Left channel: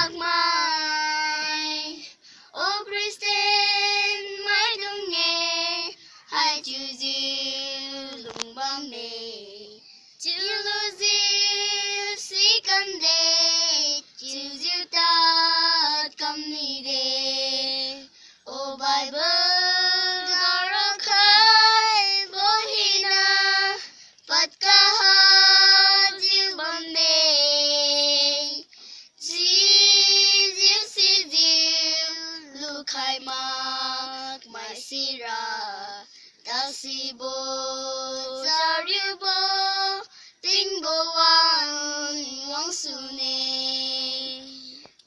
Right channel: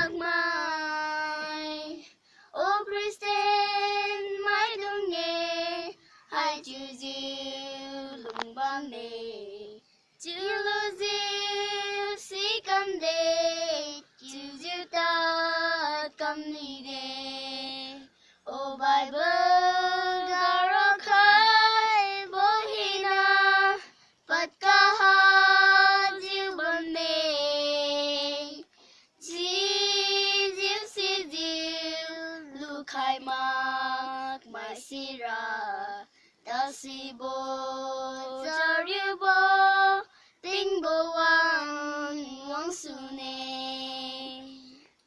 mạc mãi. Ô Christine mãi đừng nghe hai chữ diệu lùng băng nề. Chữ lưu diệu sĩ cầm đề, chữ diệu ta cầm ni đề. Ô Bible gara khai bố hina Phật ca ha diệu băng nề. Si diệu lưu khai mạc mãi si ra. Ta si bố giao riêu bố tinh bố wang su nè.